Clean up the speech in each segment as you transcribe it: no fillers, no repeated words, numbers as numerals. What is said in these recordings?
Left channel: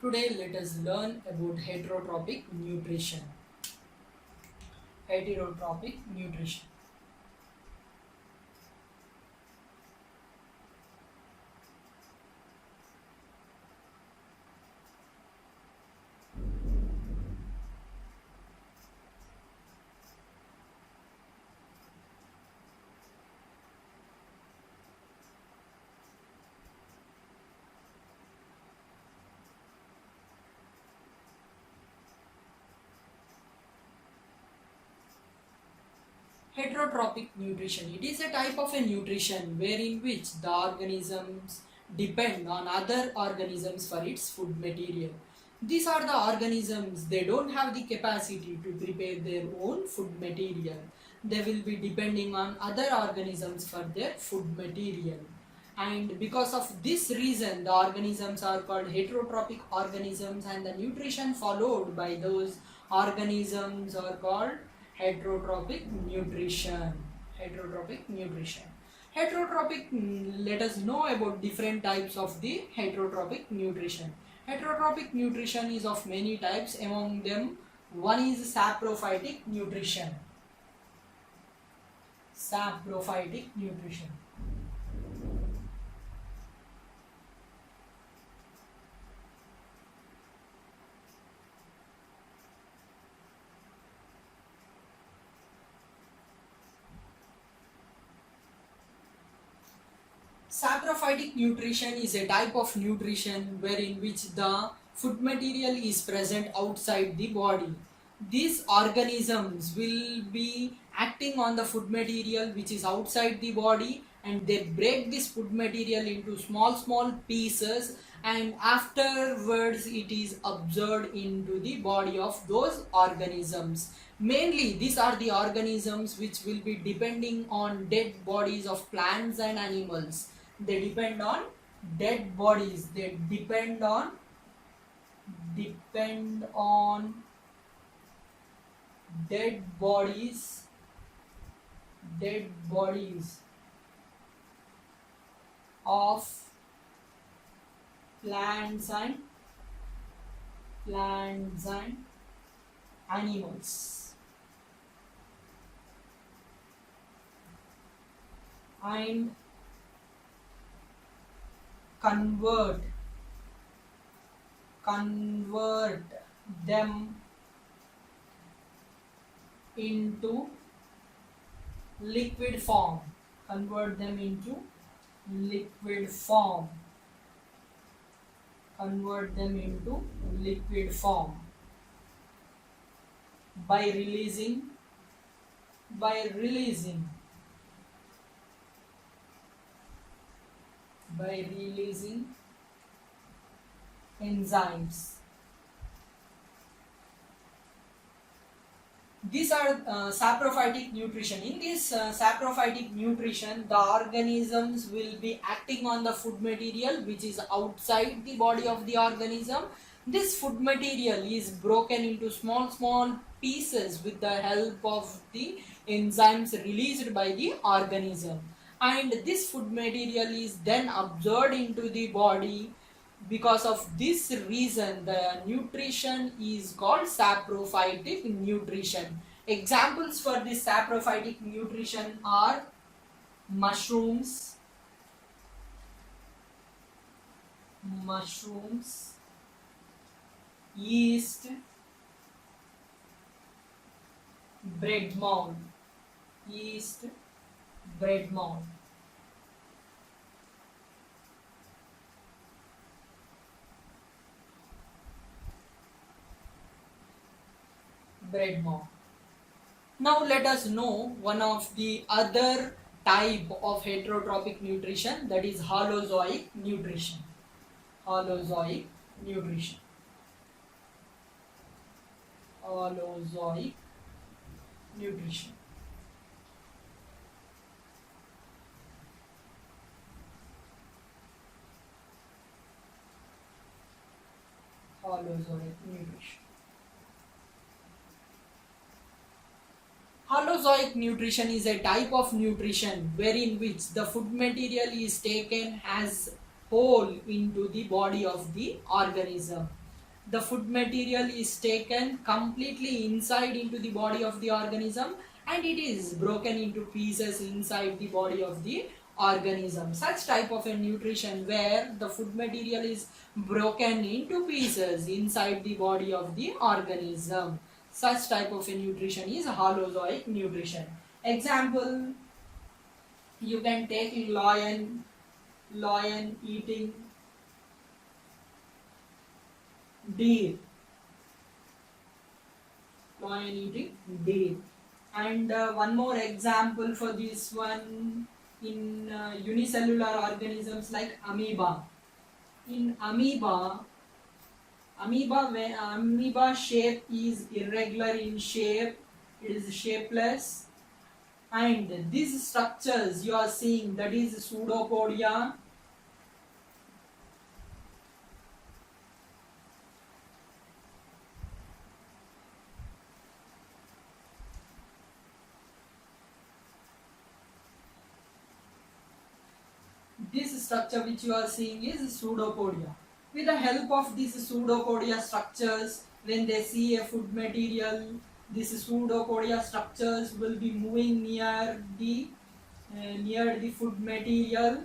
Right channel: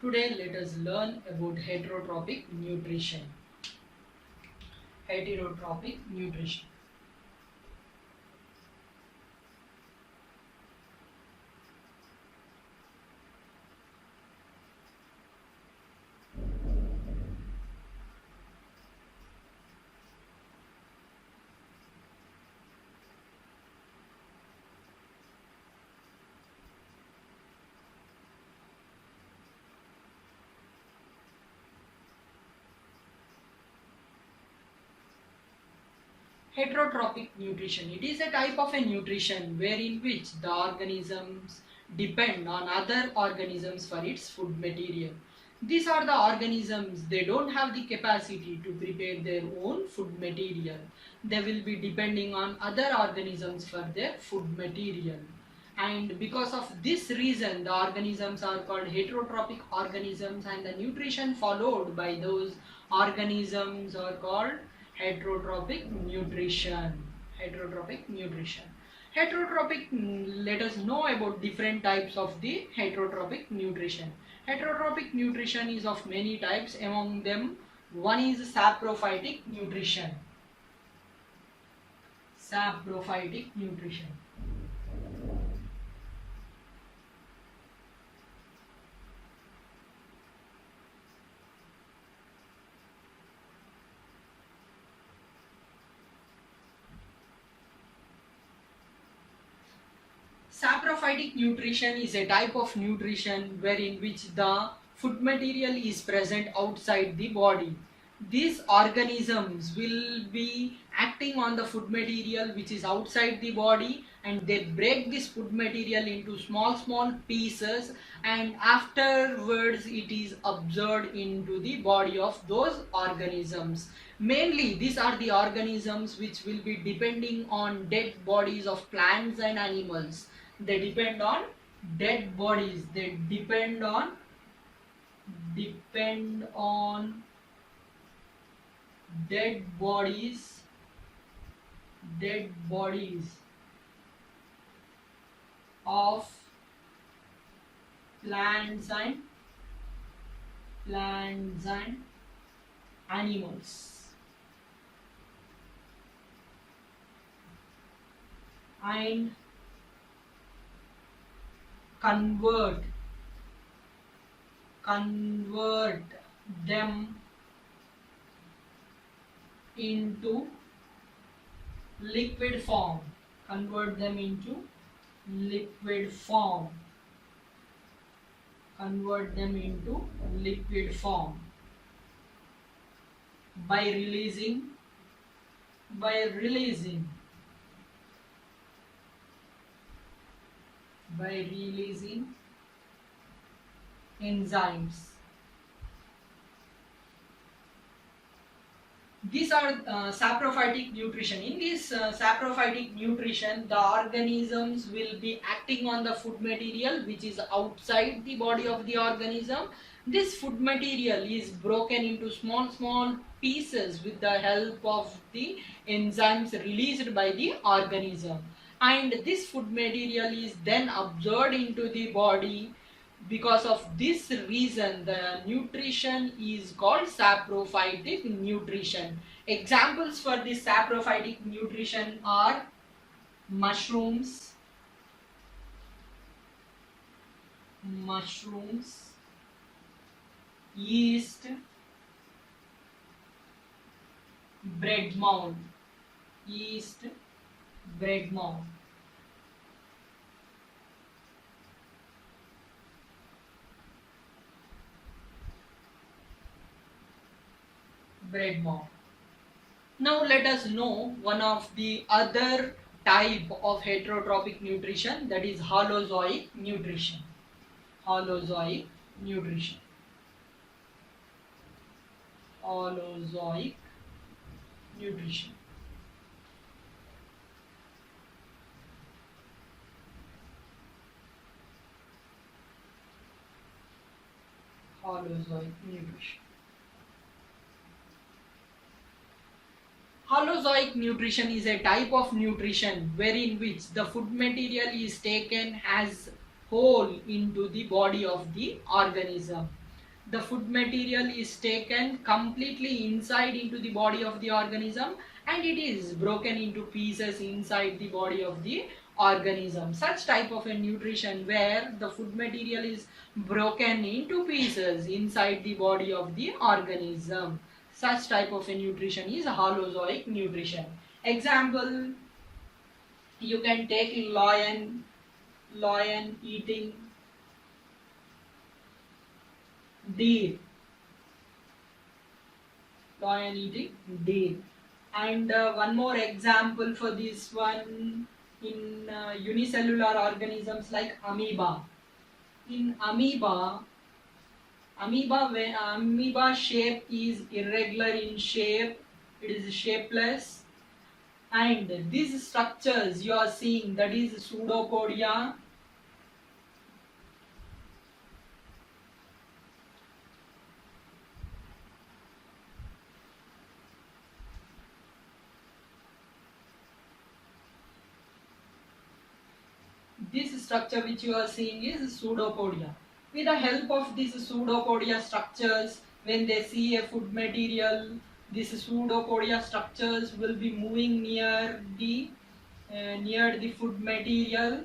Today let us learn about heterotrophic nutrition. Heterotrophic nutrition. Heterotrophic nutrition. It is a type of a nutrition wherein which the organisms depend on other organisms for its food material. These are the organisms, they don't have the capacity to prepare their own food material. They will be depending on other organisms for their food material. And because of this reason, the organisms are called heterotrophic organisms, and the nutrition followed by those organisms are called heterotrophic nutrition. Heterotrophic nutrition. Heterotrophic, let us know about different types of the heterotrophic nutrition. Heterotrophic nutrition is of many types. Among them, one is saprophytic nutrition. Saprophytic nutrition. Saprophytic nutrition is a type of nutrition wherein which the food material is present outside the body. These organisms will be acting on the food material which is outside the body, and they break this food material into small pieces, and afterwards it is absorbed into the body of those organisms. Mainly these are the organisms which will be depending on dead bodies of plants and animals. They depend on dead bodies. They depend on dead bodies, of plants and animals, and convert them into liquid form. Convert them into liquid form. By releasing enzymes. These are saprophytic nutrition. In this saprophytic nutrition, the organisms will be acting on the food material which is outside the body of the organism. This food material is broken into small pieces with the help of the enzymes released by the organism, and this food material is then absorbed into the body. Because of this reason, the nutrition is called saprophytic nutrition. Examples for this saprophytic nutrition are mushrooms, yeast, bread mold. Now let us know one of the other type of heterotrophic nutrition, that is holozoic nutrition. Holozoic nutrition. Holozoic nutrition. Holozoic nutrition. Holozoic nutrition is a type of nutrition wherein which the food material is taken as whole into the body of the organism. the food material is taken completely inside into the body of the organism and it is broken into pieces inside the body of the organism. Such type of a nutrition where the food material is broken into pieces inside the body of the organism. Such type of a nutrition is holozoic nutrition. Example, you can take lion eating deer, lion eating deer. And one more example for this one, in unicellular organisms like amoeba. In amoeba shape is irregular in shape, it is shapeless, and these structures you are seeing, that is pseudopodia, this structure which you are seeing is pseudopodia. With the help of these pseudopodia structures, when they see a food material, these pseudopodia structures will be moving near the food material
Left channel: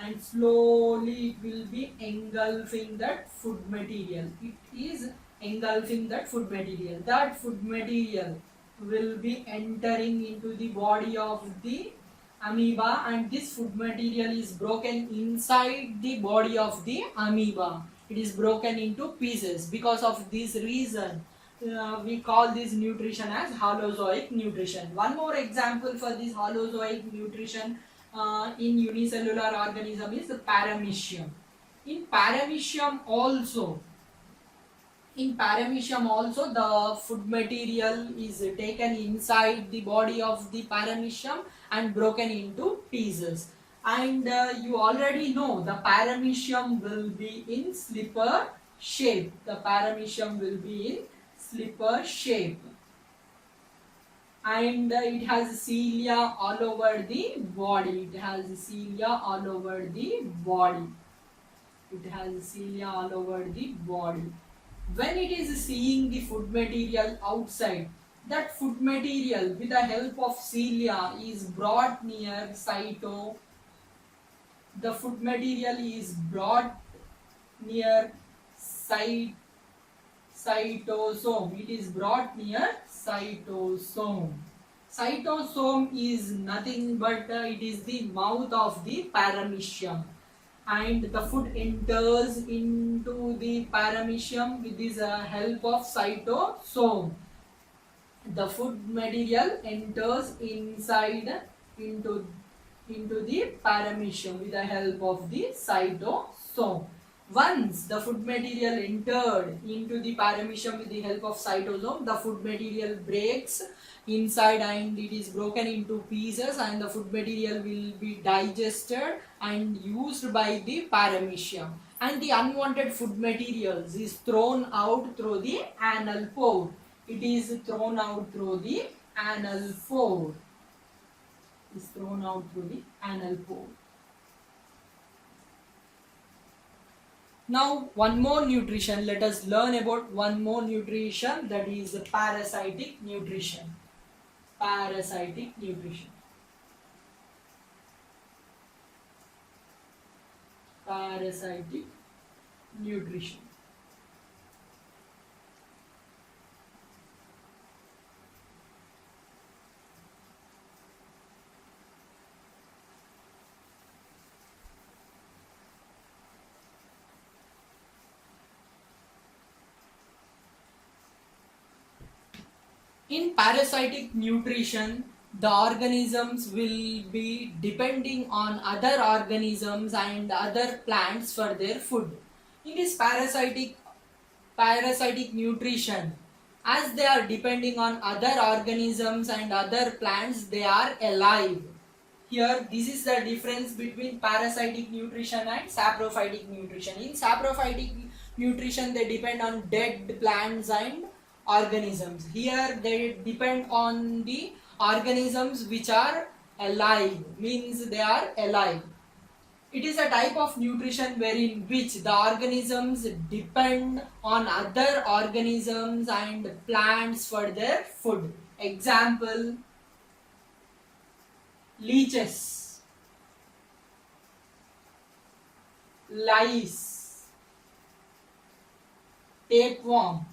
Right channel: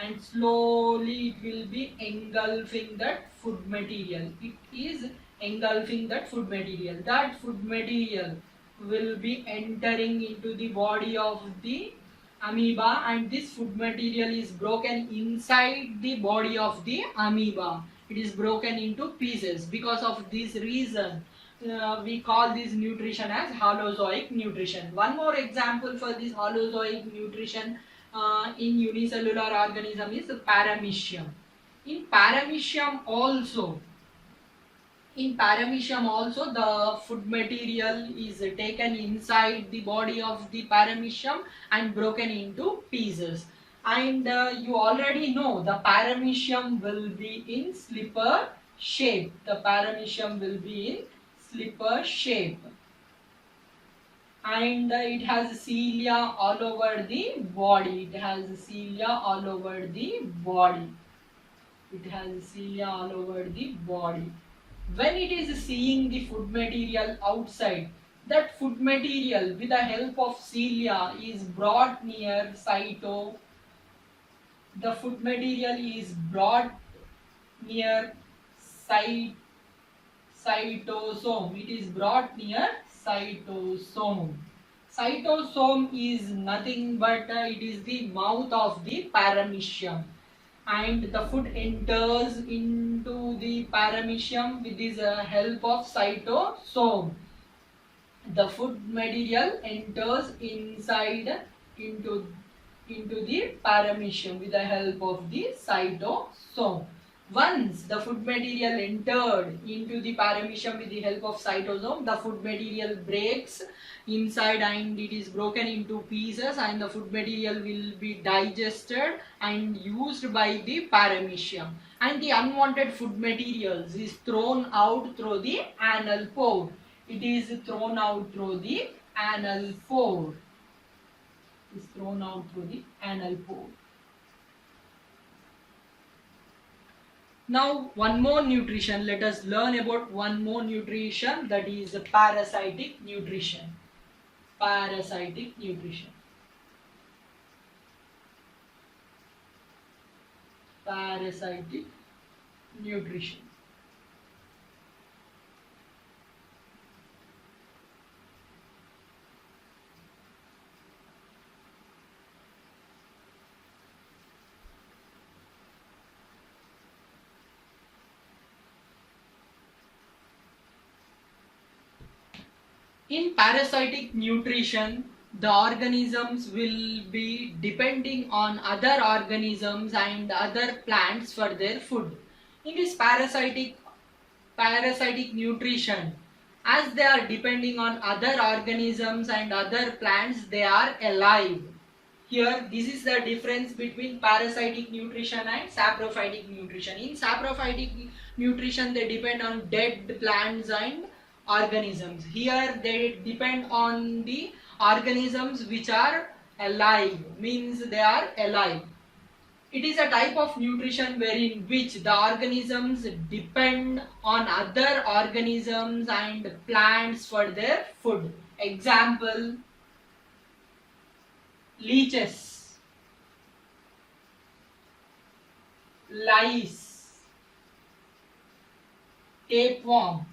and slowly it will be engulfing that food material. It is engulfing that food material. That food material will be entering into the body of the amoeba and this food material is broken inside the body of the amoeba. It is broken into pieces. Because of this reason, we call this nutrition as holozoic nutrition. One more example for this holozoic nutrition in unicellular organism is paramecium. In paramecium also, the food material is taken inside the body of the paramecium and broken into pieces. And you already know the paramecium will be in slipper shape. The paramecium will be in slipper shape. And it has cilia all over the body. It has cilia all over the body. It has cilia all over the body. When it is seeing the food material outside, that food material with the help of cilia is brought near cyto. The food material is brought near cytosome. It is brought near cytosome. Cytosome is nothing but it is the mouth of the paramecium. And the food enters into the paramecium with this help of cytosome. The food material enters inside into the paramecium with the help of the cytosome. Once the food material entered into the paramecium with the help of cytosome, the food material breaks inside and it is broken into pieces and the food material will be digested and used by the paramecium. And the unwanted food materials is thrown out through the anal pore. It is thrown out through the anal pore. Is thrown out through the anal pore. Now one more nutrition, let us learn about one more nutrition, that is parasitic nutrition. Parasitic nutrition. Parasitic nutrition. In parasitic nutrition, the organisms will be depending on other organisms and other plants for their food. In this parasitic nutrition, as they are depending on other organisms and other plants, they are alive. Here, this is the difference between parasitic nutrition and saprophytic nutrition. In saprophytic nutrition, they depend on dead plants and organisms. Here, they depend on the organisms which are alive, means they are alive. It is a type of nutrition wherein which the organisms depend on other organisms and plants for their food. Example, leeches, lice, tapeworm,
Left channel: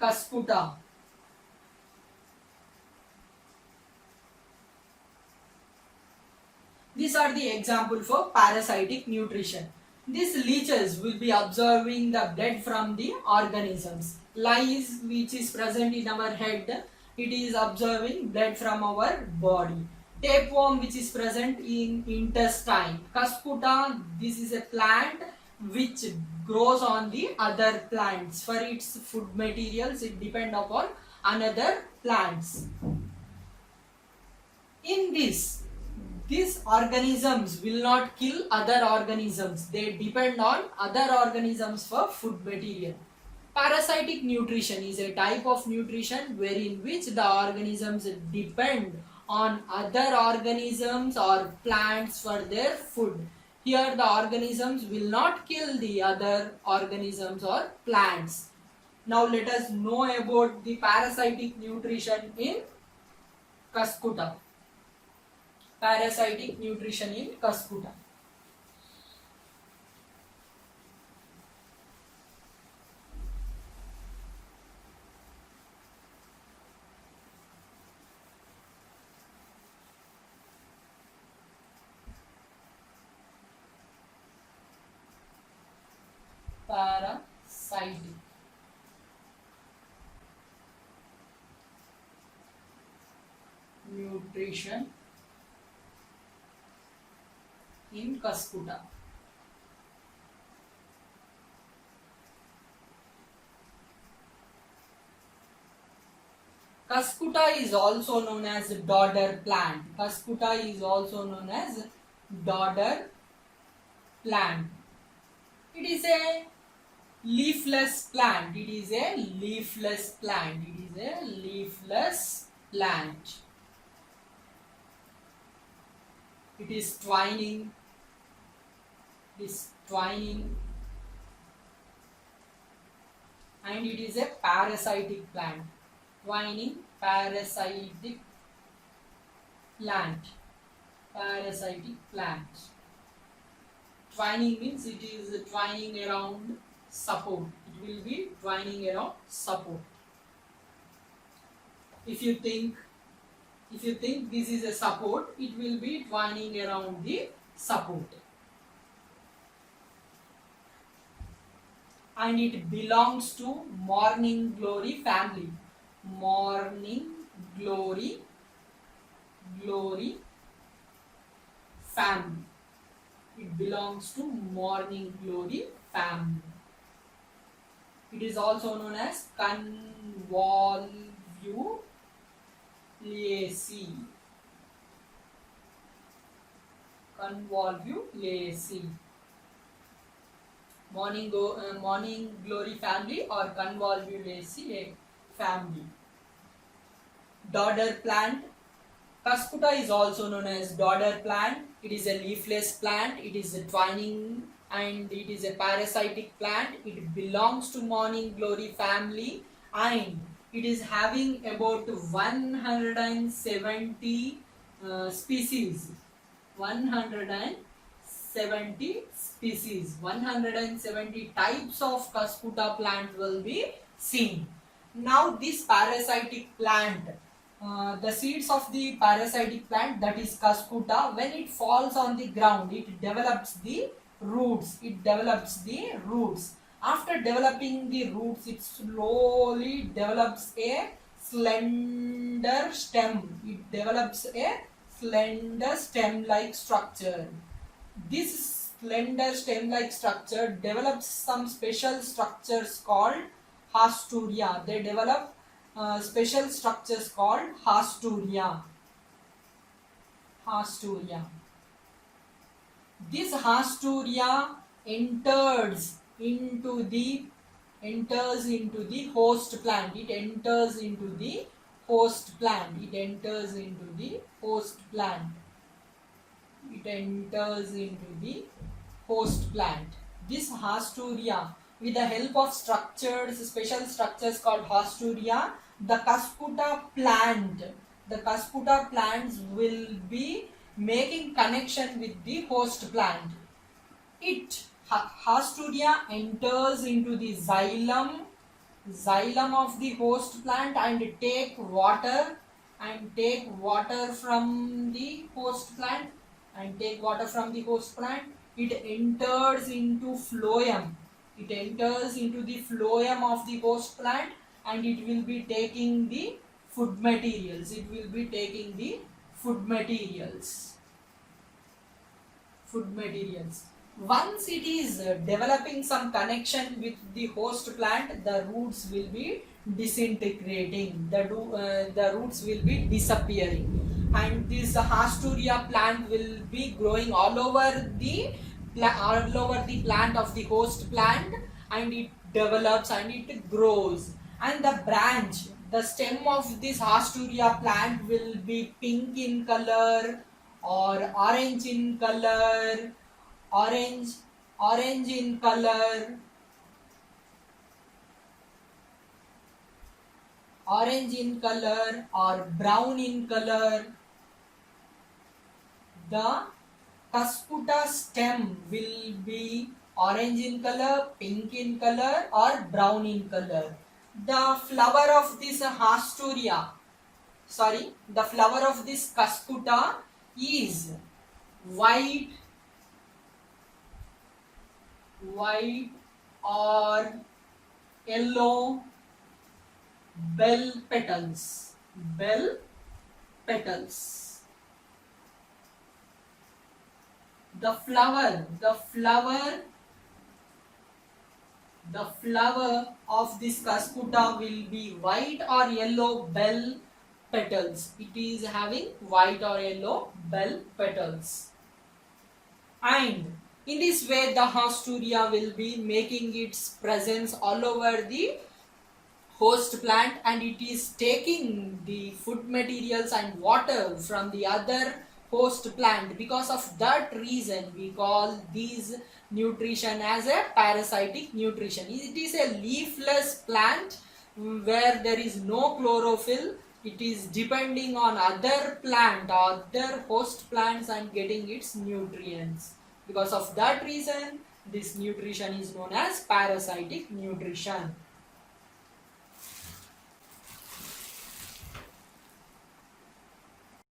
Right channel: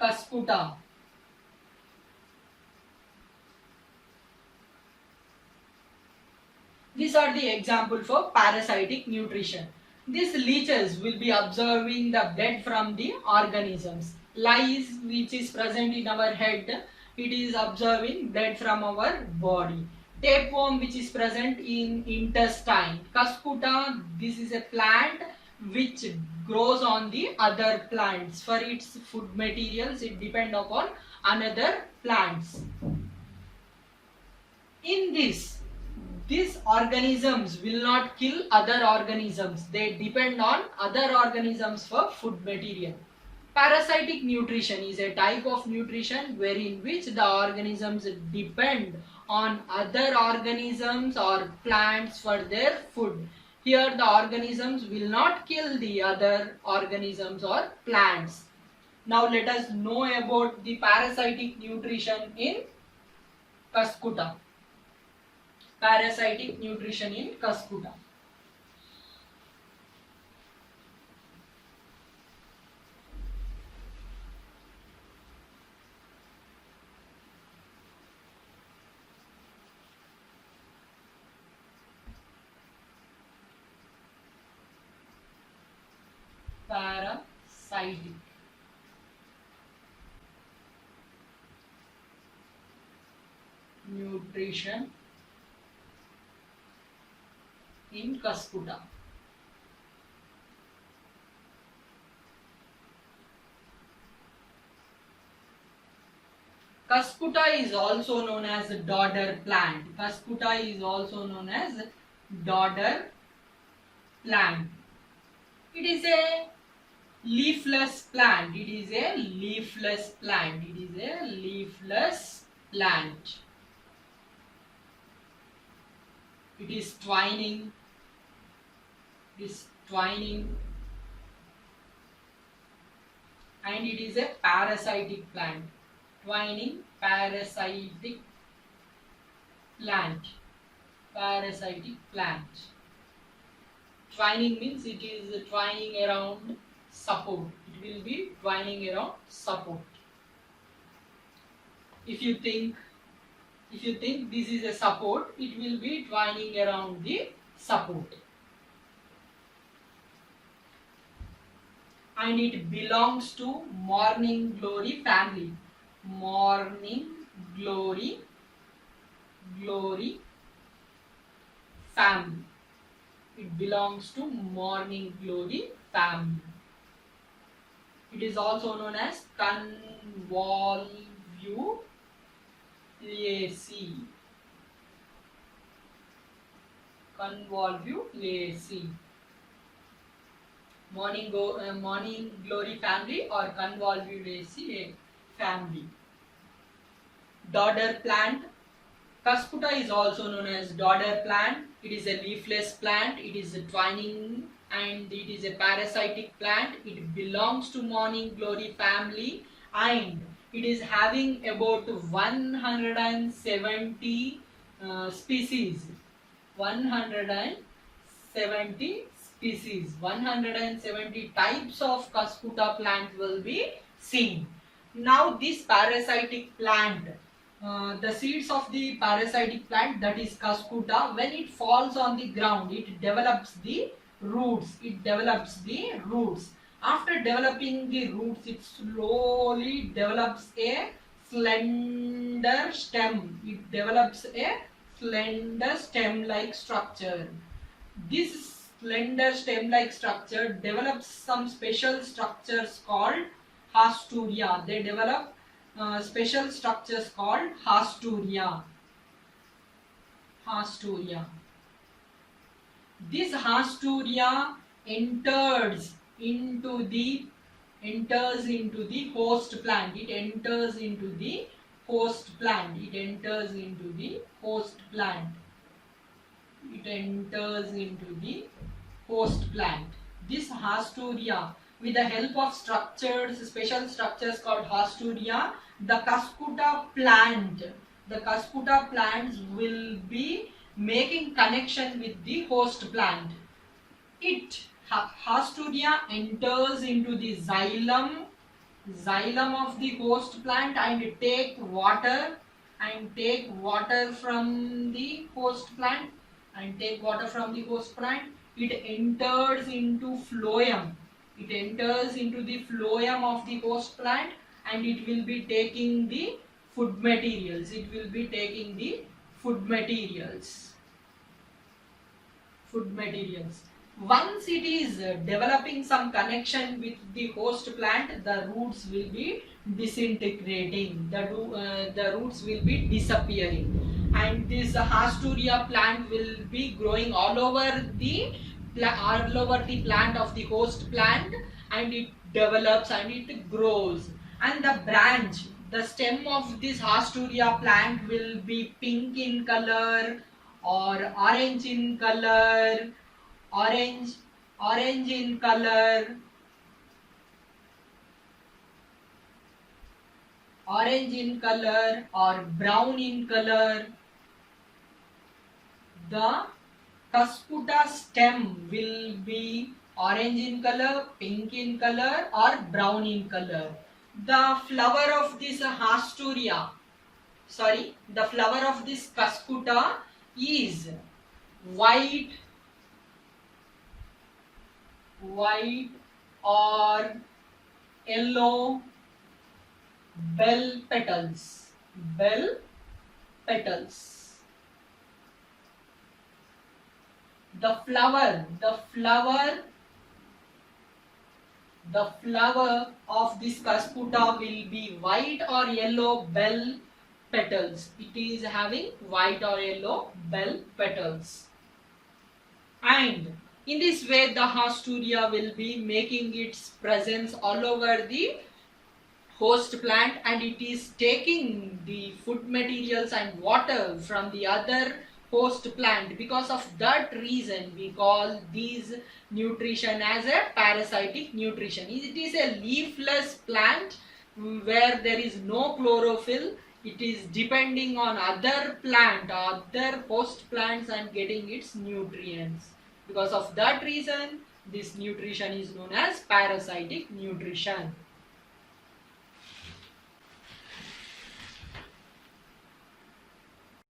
cuscuta. These are the example for parasitic nutrition. These leeches will be absorbing the blood from the organisms. Lice, which is present in our head, it is absorbing blood from our body. Tapeworm, which is present in intestine. Cuscuta, this is a plant which grows on the other plants. For its food materials, it depend upon another plants. In this, these organisms will not kill other organisms. They depend on other organisms for food material. Parasitic nutrition is a type of nutrition wherein which the organisms depend on other organisms or plants for their food. Here the organisms will not kill the other organisms or plants. Now let us know about the parasitic nutrition in cuscuta. Parasitic nutrition in cuscuta. Parasitic nutrition in cuscuta. Cuscuta is also known as dodder plant. Cuscuta is also known as dodder plant. It is a leafless plant. It is a leafless plant. It is a leafless plant. It is twining. It is twining. And it is a parasitic plant. Twining, parasitic plant. Parasitic plant. Twining means it is twining around support. It will be twining around support. If you think this is a support, it will be twining around the support. And it belongs to morning glory family. Morning glory family. It belongs to morning glory family. It is also known as Convolvulaceae. Convolvulaceae. Morning glory family or Convolvulaceae family. Dodder plant. Cuscuta is also known as dodder plant. It is a leafless plant. It is a twining and it is a parasitic plant. It belongs to morning glory family and it is having about 170 species. 170 species. 170 types of Cuscuta plant will be seen. Now this parasitic plant, the seeds of the parasitic plant, that is Cuscuta, when it falls on the ground, it develops the roots. It develops the roots. After developing the roots, it slowly develops a slender stem. It develops a slender stem-like structure. This slender stem-like structure develops some special structures called hasturia. They develop special structures called hasturia. Hasturia. This hasturia enters into the enters into the host plant. It enters into the host plant. It enters into the host plant. It enters into the host plant. This Hasturia, with the help of structures, special structures called Hasturia, the Cuscuta plants will be making connection with the host plant. Hasturia enters into the xylem of the host plant and take water from the host plant It enters into phloem. It enters into the phloem of the host plant and it will be taking the food materials. Once it is developing some connection with the host plant, the roots will be disintegrating. The roots will be disappearing, and this Hasturia plant will be growing all over the plant of the host plant, and it develops and it grows. And the stem of this Hasturia plant will be pink in color or orange in color, orange in color, or brown in color. The Cuscuta stem will be orange in color, pink in color, or brown in color. The flower of this Cuscuta is white or yellow bell petals. The flower of this Cuscuta will be white or yellow bell petals. It is having white or yellow bell petals. And in this way, the Hasturia will be making its presence all over the host plant, and it is taking the food materials and water from the other host plant. Because of that reason, we call these nutrition as a parasitic nutrition. It is a leafless plant where there is no chlorophyll. It is depending on other host plants and getting its nutrients. Because of that reason, this nutrition is known as parasitic nutrition.